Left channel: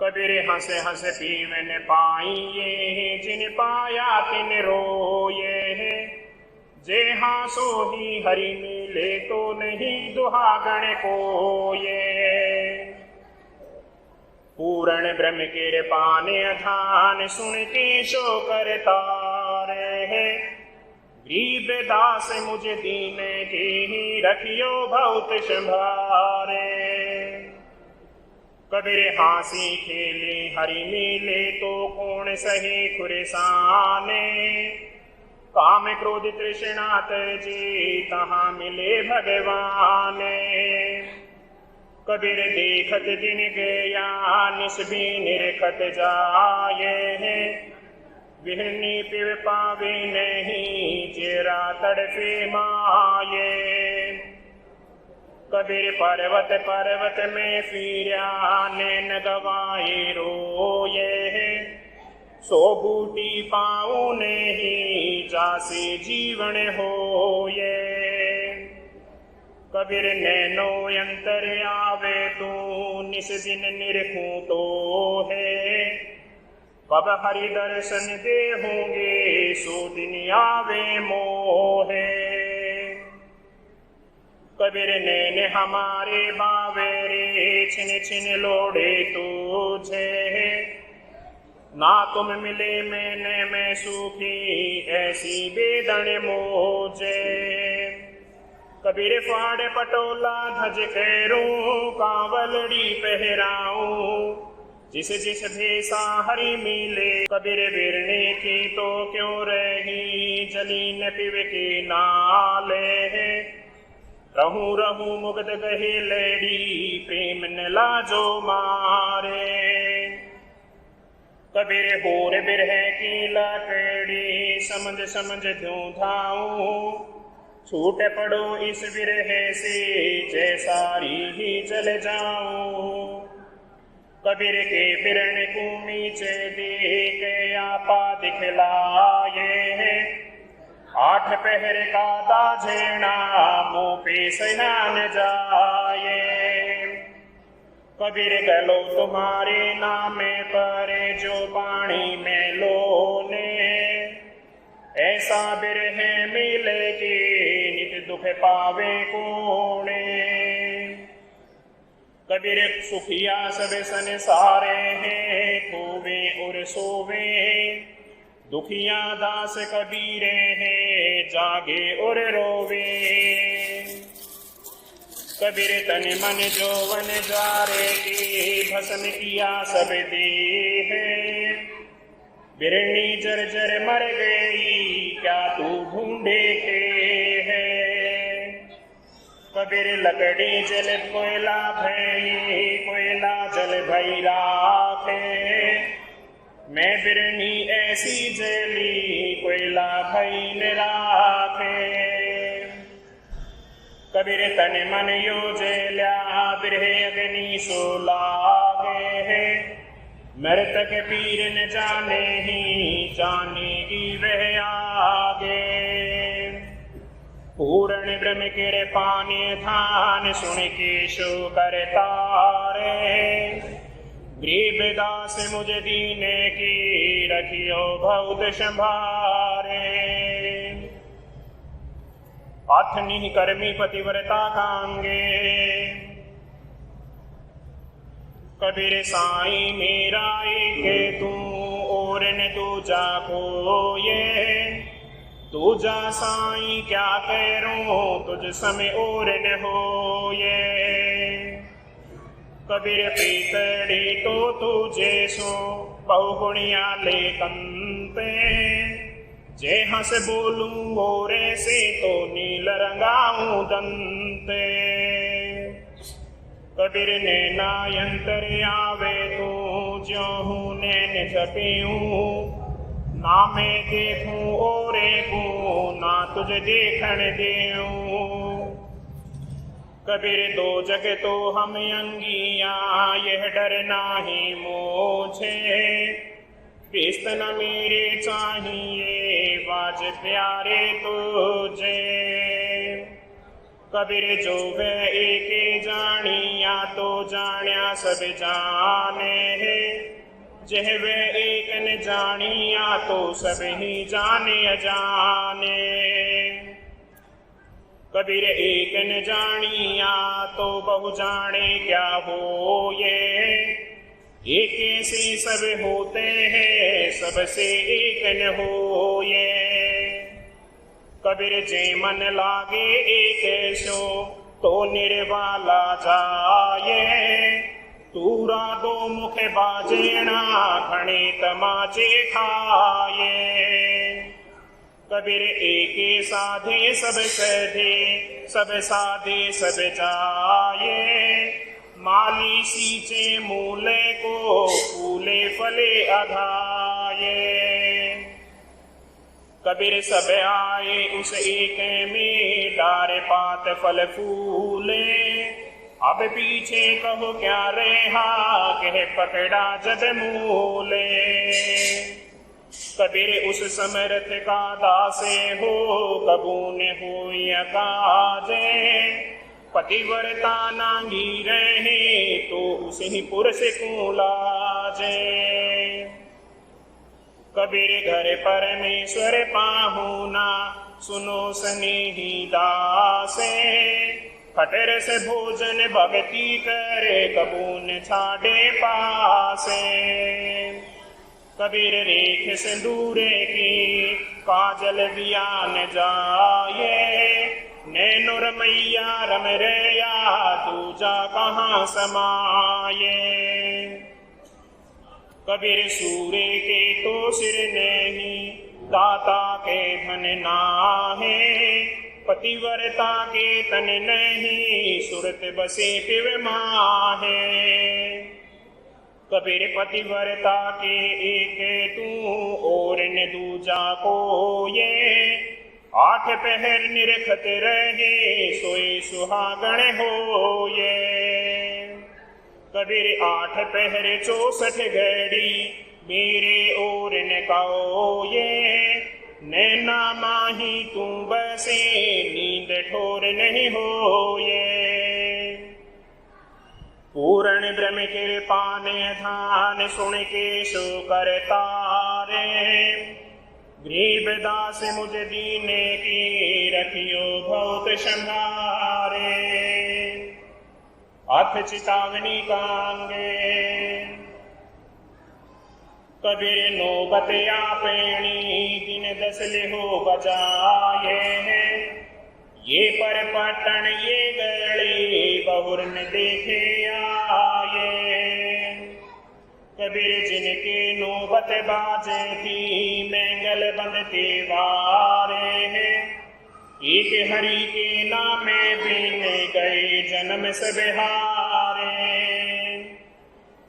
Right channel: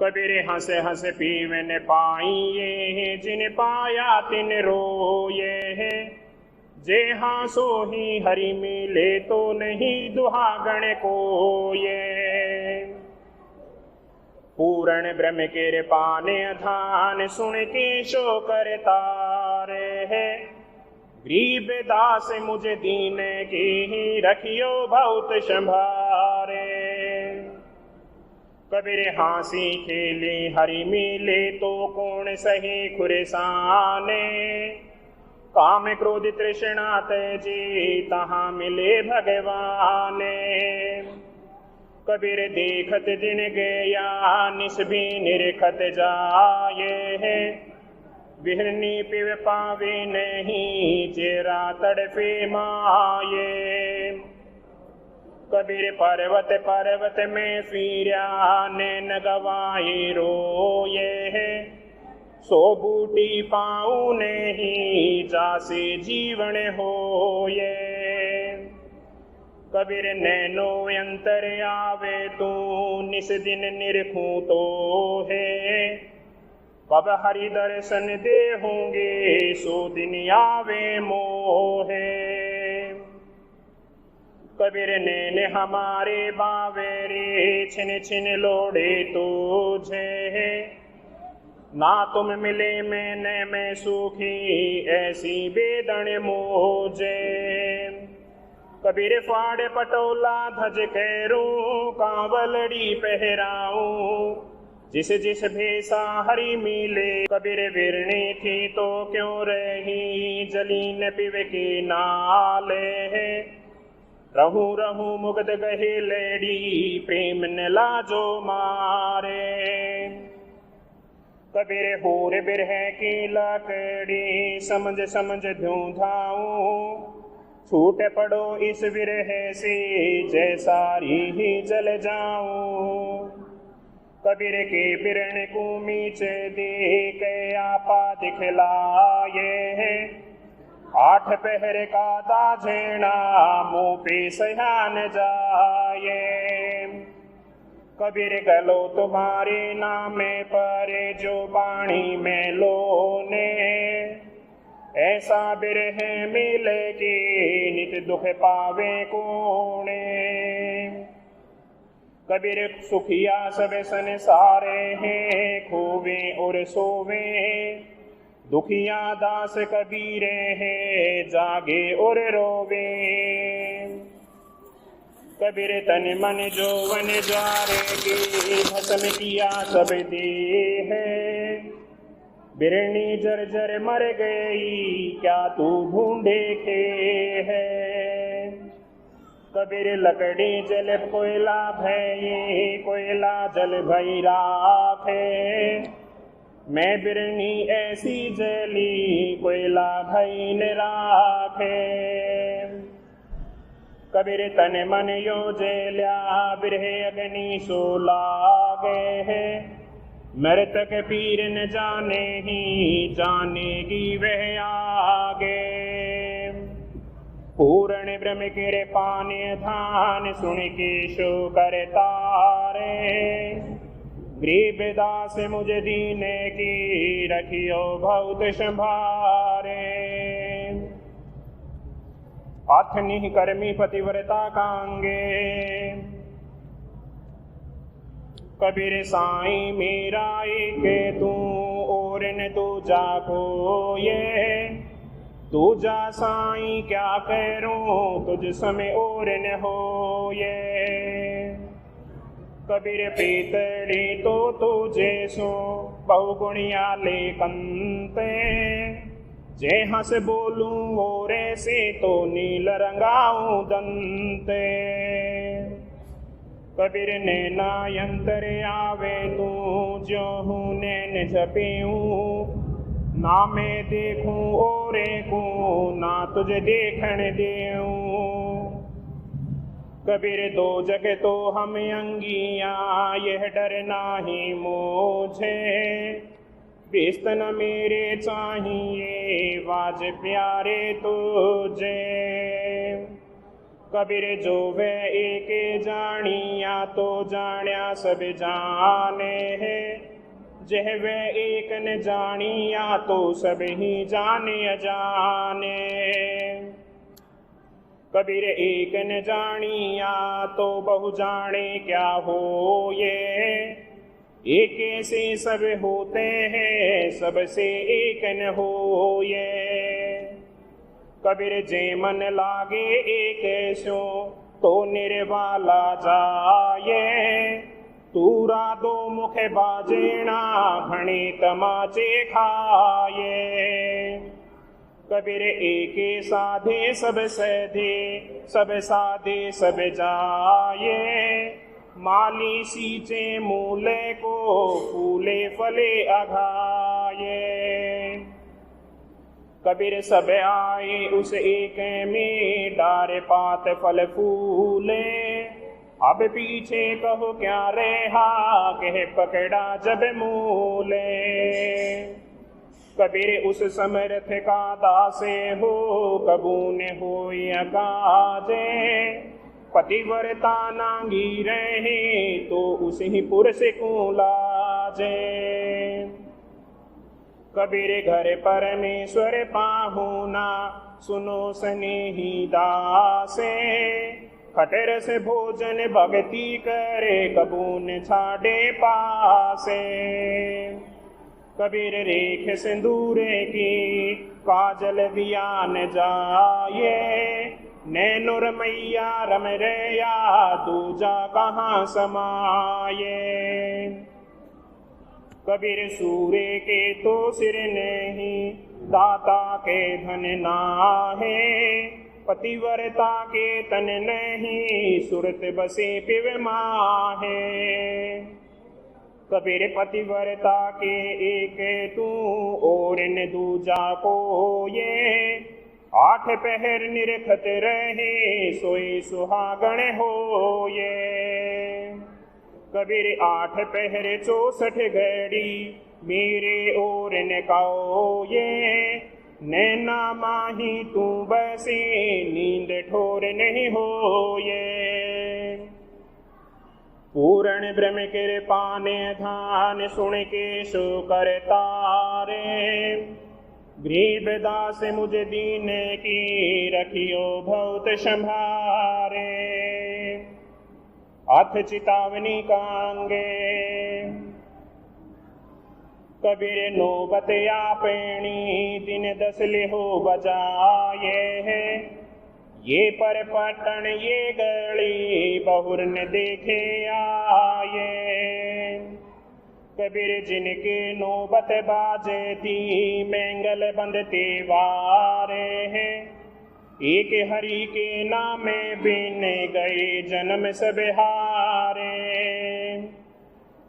कबीर हंस हंस पीवन पाइये, जिन पाया तिन रोये। जे हाँ सो ही हरि मिले, तो नहीं दुहागण कोये। पूर्ण ब्रह्म के पाने अधान, सुन के शो करता रहे। गरीब दास मुझ दीन की, रखियो बहुत संभारे। कबीर हाँसी खेले हरि मिले, तो कौन सहे खुरसाने। काम क्रोध तृष्णा तजे, तहाँ मिले भगवाने। कबीर देखत दिन गया, निस भी निरखत जाए। विहरनी पिव पावे नहीं, जेरा तड़पे माये। कबीर पर्वत पर्वत में फिरा, नैन गवाए रोये। सो बूटी पाऊँ नहीं, जासे जीवन होये। कबीर नैनो अंतर आवे, तू निस दिन निरखूं तो है। कब हरि दर्शन दे होंगे, सो दिन आवे मोहे। कबीर नैन हमारे बावेरे, छिन छिन लोड़े तुझे। ना तुम मिले मैंने मैं सुखी, ऐसी बेदन मोजे। कबीर फाड़ पटोला धज कैरूं, कांवलड़ी पहराऊं। जिस जिस भेसा हरि मिले, कबीर बिरने की तो क्यों रही। जली न पिव के नाले, रहूं रहूं मुग्ध गहे लेडी, प्रेम न लाजो मारे। कबीर होर बिरह की लकड़ी, समझ समझ ध्यूं धाऊं। छूट पड़ो इस विरह से, जैसारी ही जल जाऊं। कबीर के बिरन को मीच देख, आपा दिखलाए। 8 पहर का दाझेना, मुँह पे सयान जाए। कबीर गलो तुम्हारे नामे पर, जो पानी में लोने। ऐसा बिरह मिलेगी, नित दुख पावे कोने। कबीर सुखिया सब संसारे हैं, खोवे और सोवे। दुखिया दास कबीरे हैं, जागे और रोवे। कबीर तन मन जोवन ज्वारे की, भस्म किया सब देह। बिरनी जर्जर मर गई, क्या तू ढूंढे के है। कबीर लकड़ी जल कोयला भई, कोयला जल भई राखे। मैं बिरनी ऐसी जली, कोयला भई न राखे। कबीर तन मन यो जल्या, बिरह अग्नि सो लागे। मृतक पीर न जाने ही, जानेगी वह आगे। पूर्ण ब्रह्म के पाने धान, सुन के शो करता रे। गरीब दास मुझ दीन की, रखियो बहुत संभारे। अथनि कर्मी पतिव्रता कांगे, कबीर साईं मेरा एक तू, और न दूजा कोये। दूजा साईं क्या करूं, तुझ समय और न होये। कबीर प्रीतड़ी तो तुझे सो, बहुगुणिया ले कंते। जे हंस बोलूं और से, तो नील रंगाऊं दंते। कबीर नैना यंतर आवे तू, ज्यों हूँ नैन झपेऊं। ना मैं देखूं ओरे को, ना तुझे देखण देऊं। कबीर दो जग तो हम अंगिया, यह डर नाही मोझे। बेस्त न मेरे चाहिए, बाज प्यारे तुझे। कबीर जो वह एक जानिया तो जाण्या सब जाने है, जह वह एक न जानिया तो सब ही जाने अजाने। कबीर एक न जानिया तो बहु जाने क्या हो ये, एक से सब होते हैं सबसे एक न हो ये। कबीर जे मन लागे एक सो तो निर्वाला जाए, तूरा दो मुख बाजेना घणे तमाचे खाए। कबीर एके साधे सब सधे, सब साधे सब जाए, माली सींचे मूले को फूले फले अघाये। कबीर सब आए उस एक में, डार पात फल फूले, अब पीछे कहो क्या रहा, कह पकड़ा जब मूले। कबीर उस समर्थ का दासे हो, कबून हो या काजे, पतिव्रता नांगी रहे तो उसे ही पुरुष को लाजे। कबीर घर परमेश्वर पाहुना, सुनो स्नेही दासे, खटर से भोजन भक्ति करे, कबून छाड़े पासे। कबीर रेख सिंदूरे की, काजल बियान जाए, नैनुर मैया रम रया, दूजा कहाँ समाये। कबीर सूर्य के तो सिर नहीं, दाता के धन नाहे, पतिव्रता के तन नहीं, सुरत बसे पिव माहे। कबीर पतिव्रता के एक तू, और न दूजा को ये, आठ पहर निरखत रहे, सोई सुहागण हो ये। कबीर आठ पहर 64 घड़ी, मेरे और न कहो ये, नैना माही तू बसे, नींद ठोर नहीं हो ये। पूर्ण ब्रह्म कृपा ने ध्यान, सुन के सो करता रे, गरीब दास मुझ दीने की, रखियो बहुत संभारे। अथ चितावनी कांगे, कबीर नौबत आपनी, दिन 10 लिहो बजाए है, ये पर पटन ये गली, बहुर न देखे आए। कबीर जिनके नौबत बाजे थी, मैंगल बंदते वारे हैं, एक हरि के नामे बिन गए जन्म सब हारे।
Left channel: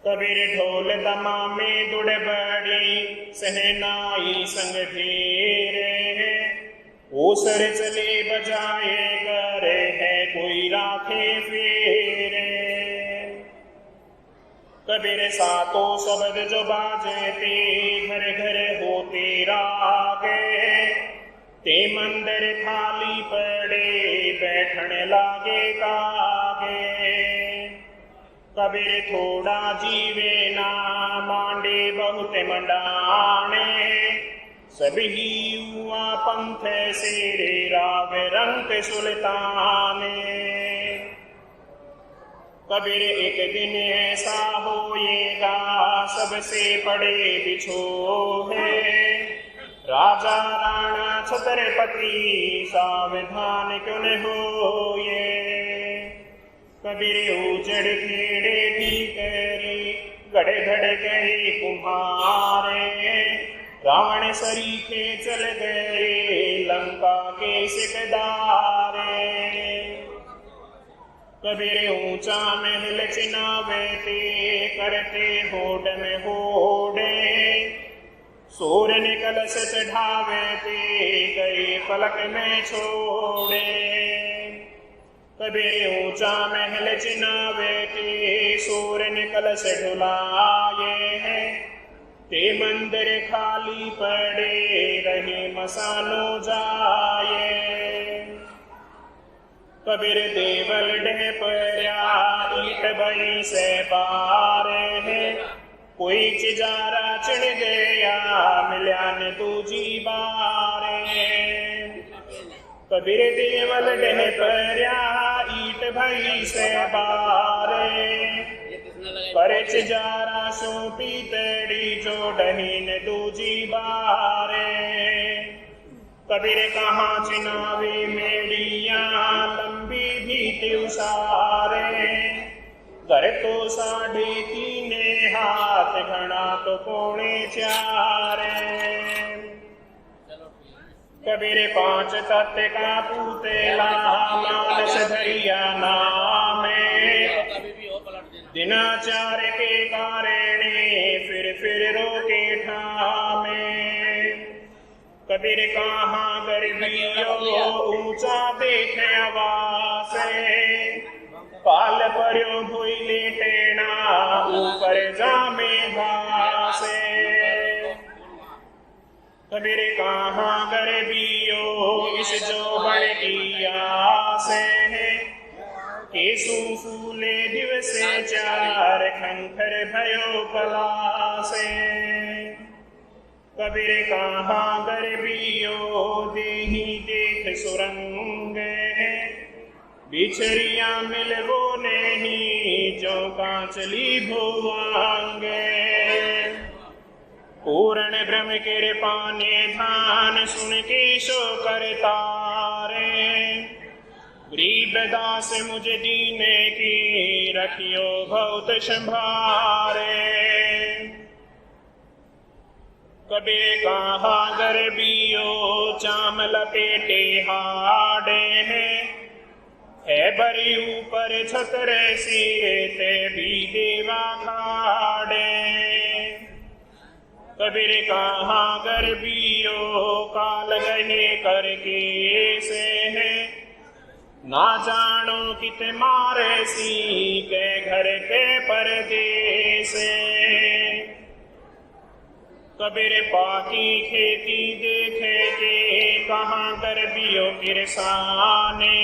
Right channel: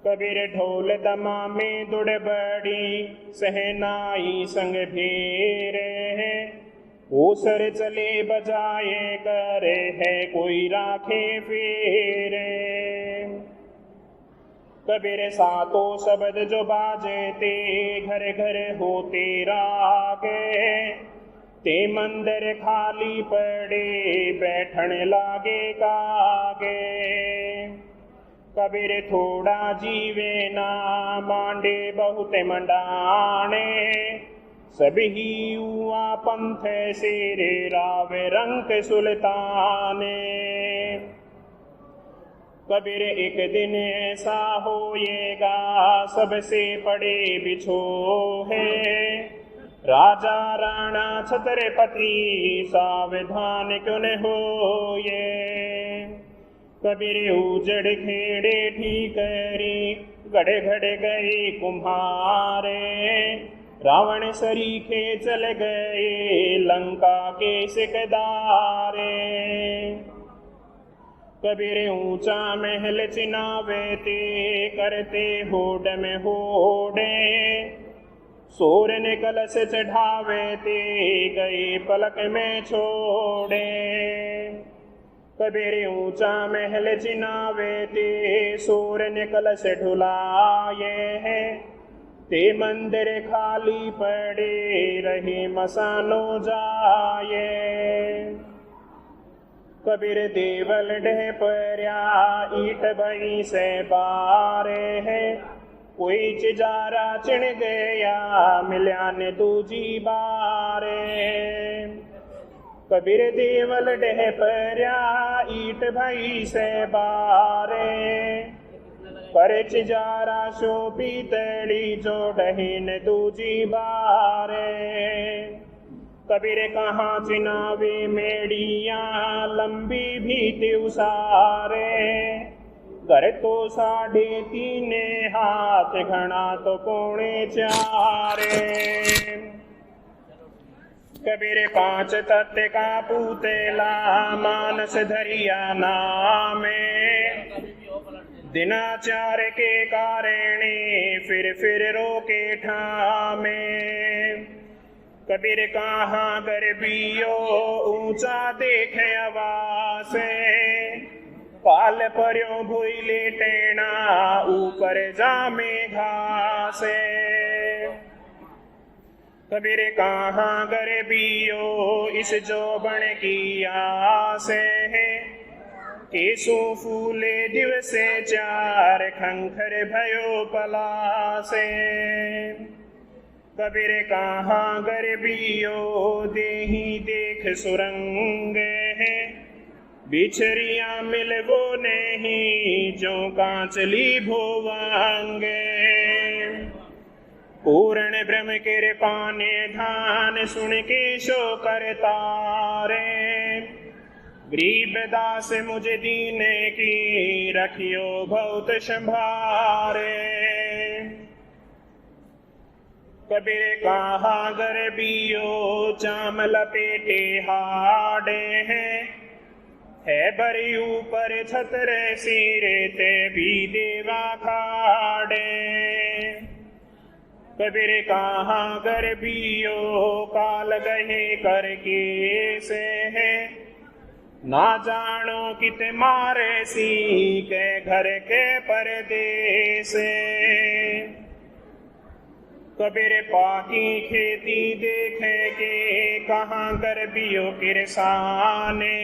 कबीर ढोल दमा में दुड़ बड़ी, सहनाई संग धीरे है, ओसर चले बजाए करे है, कोई राखे फेरे। कबीर सातों शब्द जो बाजे ते, घर घर होते रागे, ते मंदिर खाली पड़े, बैठन लागे कागे। कबीर थोड़ा जीवे ना, मांडे बहुत मंडाने, सभी हुआ पंथ सेरे, राव रंग सुल्ताने। कबीर एक दिन ऐसा होएगा, सबसे पड़े बिछोहे, राजा राणा छत्रपति, सावधान क्यों न होए। कबीर उजड़ खेड़े ठीकरी, गड़े घड़ गए कुम्हारे, रावण सरीखे चल गए, लंका के सिकदारे। कबीर ऊंचा महल चिनावे ते, करते होड़ में होड़े, सोर ने कलश चढ़ावे ते, गए पलक में छोड़े। कबीर ऊंचा महल चिनावे ते, सोर ने कलश ढुलाए है, ते मंदिर खाली पड़े, रहे मसानो जाए। कबीर देवल ढह पर्या ईट भई से बारे है कोई चिजारा चिण गया मिल्या ने दूजी बारे। कबीर देवल ढह पर्या ईट भई से बारे पर चिजारा सो पीतड़ी जो डहीन दूजी बारे। कबीर कहाँ चिनावे मेड़िया लंबी भीति उसारे घर तो 3.5 हाथ घना तो 4.25। कबीर 5 तत्व का पूतेला मानस धरिया नामे दिनाचार के कारणे फिर रोके ठामे। कबीर कहाँ गर्भियो ऊंचा देखे आवासे काल पर्यो भोई लेटेना ऊपर जामे घासे। कबीर कहाँ गर्भियो इस जोबन की आसे केसु फूले दिवसे 4 खंखर भयो पलासे। कबीर कहाँ गर्भियो देही देख सुरंग बिछरिया मिलवो नहीं जो कांचली भोवांगे। पूर्ण ब्रह्म के पाने धान सुन के शो करतारे गरीब दास मुझे दीने की रखियो बहुत संभारे। कबीर कहाँ गर्भियो चाम लपेटे हाडे है बरी ऊपर छतरे सिरे ते भी देवा खाड़े। कबीर कहाँ गर्भियो काल गहे करके से है ना जानो कित मारे सी के घर के परदेसे। कबीर पाकी खेती देखे के कहाँ गर्भियो किरसाने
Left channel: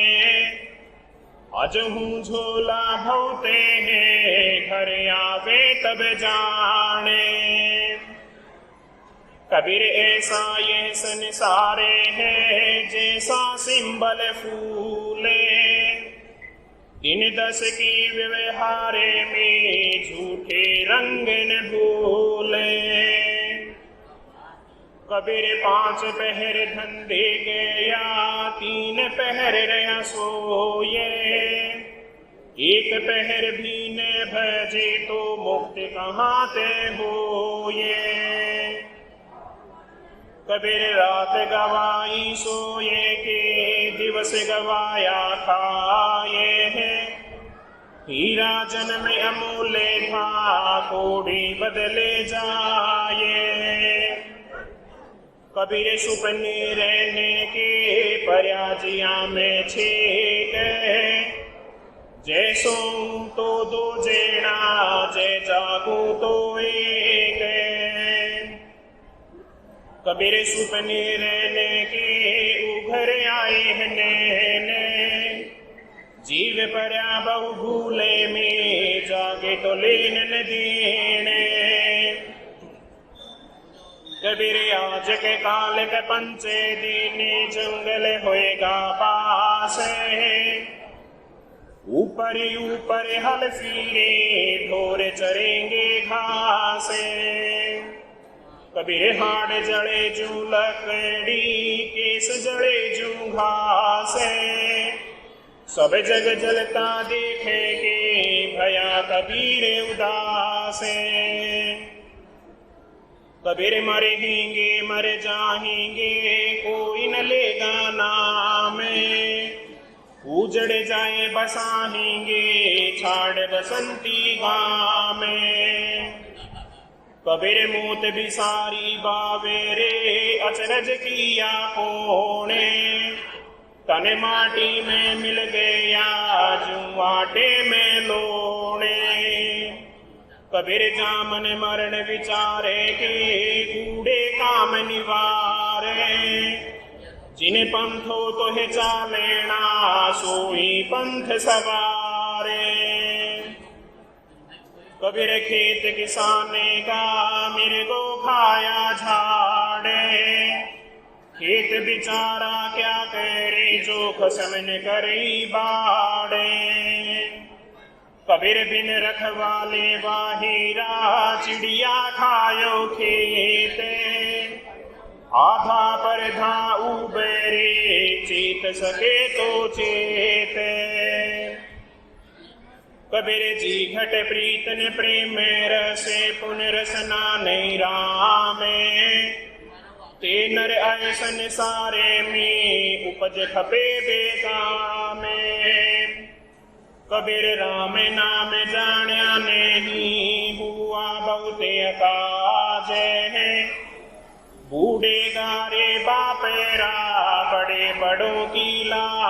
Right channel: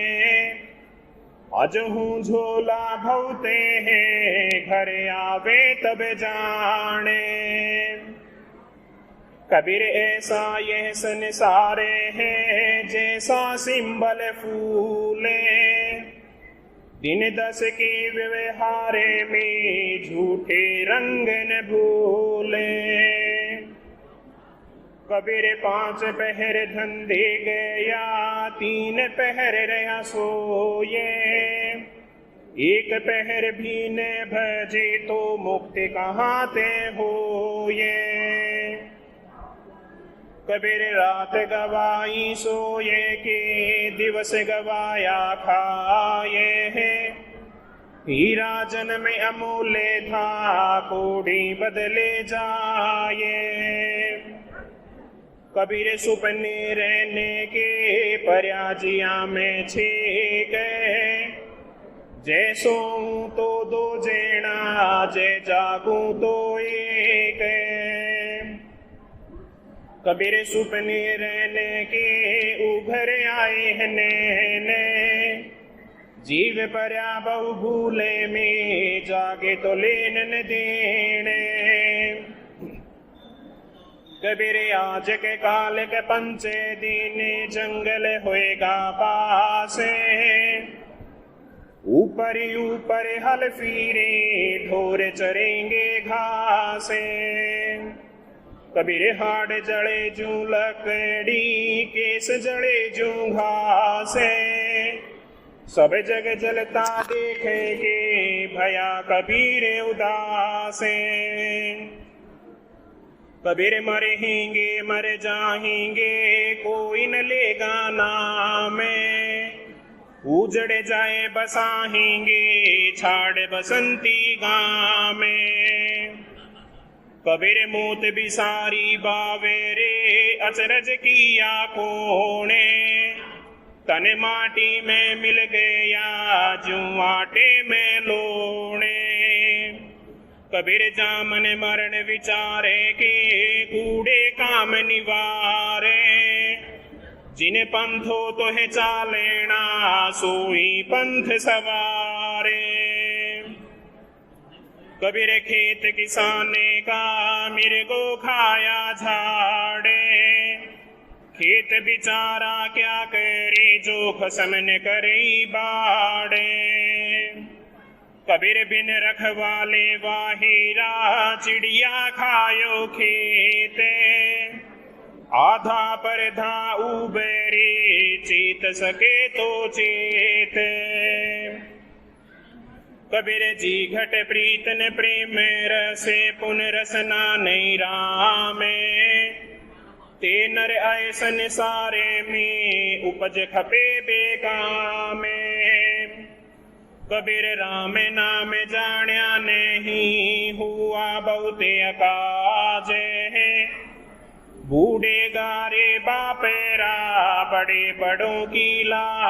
आज हूँ झोला भौते हैं घर आवे तब जाने। कबीर ऐसा यह संसारे है जैसा सिंबल फूले दिन 10 के व्यवहारे में झूठे रंग न भूले। कबीर 5 पहर धंधे गया 3 पहर रहा सोए 1 पहर भी न भजे तो मुक्ति कहाँ ते होए। कबीर रात गवाई सोए के दिवस गवाया खाए है हीरा जन्म अमूल्य था कोड़ी बदले जाए। कबीर सुपने रहने के पर्याजिया में छेक जैसो तो 2 जेना जय जागू तो 1। कबीर सुपने रहने के उभर आए हैं नैने जीव पर्या बहु भूले में जागे तो लेन न देने। कबीर आज के काल के 5 दिन जंगल होएगा पास ऊपर ऊपर हल फिरे ढोर चरेंगे घासे। कबीर हाड़ जड़े जू लकड़ी केस जड़े जू घासे सब जग जलता देखेंगे भया कबीर उदासे। कबीर मरेंगे मर जाएंगे कोई न लेगा नाम उजड़ जाए बसाएंगे छाड़ बसंती गाँव में। कबीर मौत भी सारी बावेरे अचरज किया कोने तन माटी में मिल गया जू आटे में लोने। कबीर जामन मरण विचारे के कूड़े काम निवारे जिन पंथो तोहे चालेना सोई पंथ सवारे। कबीर खेत किसाने का मिर्गो खाया झाड़े, खेत बिचारा क्या करे जो खसमन करी बाड़े। कबीर बिन रखवाले बाहिरा चिड़िया खायो खेते, आधा पर धा उबरे चेत सके तो चेत। कबीर जी घट प्रीतन प्रेम रसे पुन रसना नहीं रामे, ते नर आए संसारे में उपज खपे बेगामे। कबीर राम नाम जान्या नहीं हुआ बहुते अकाज है, बूढ़े गारे बापेरा बड़े बड़ों की ला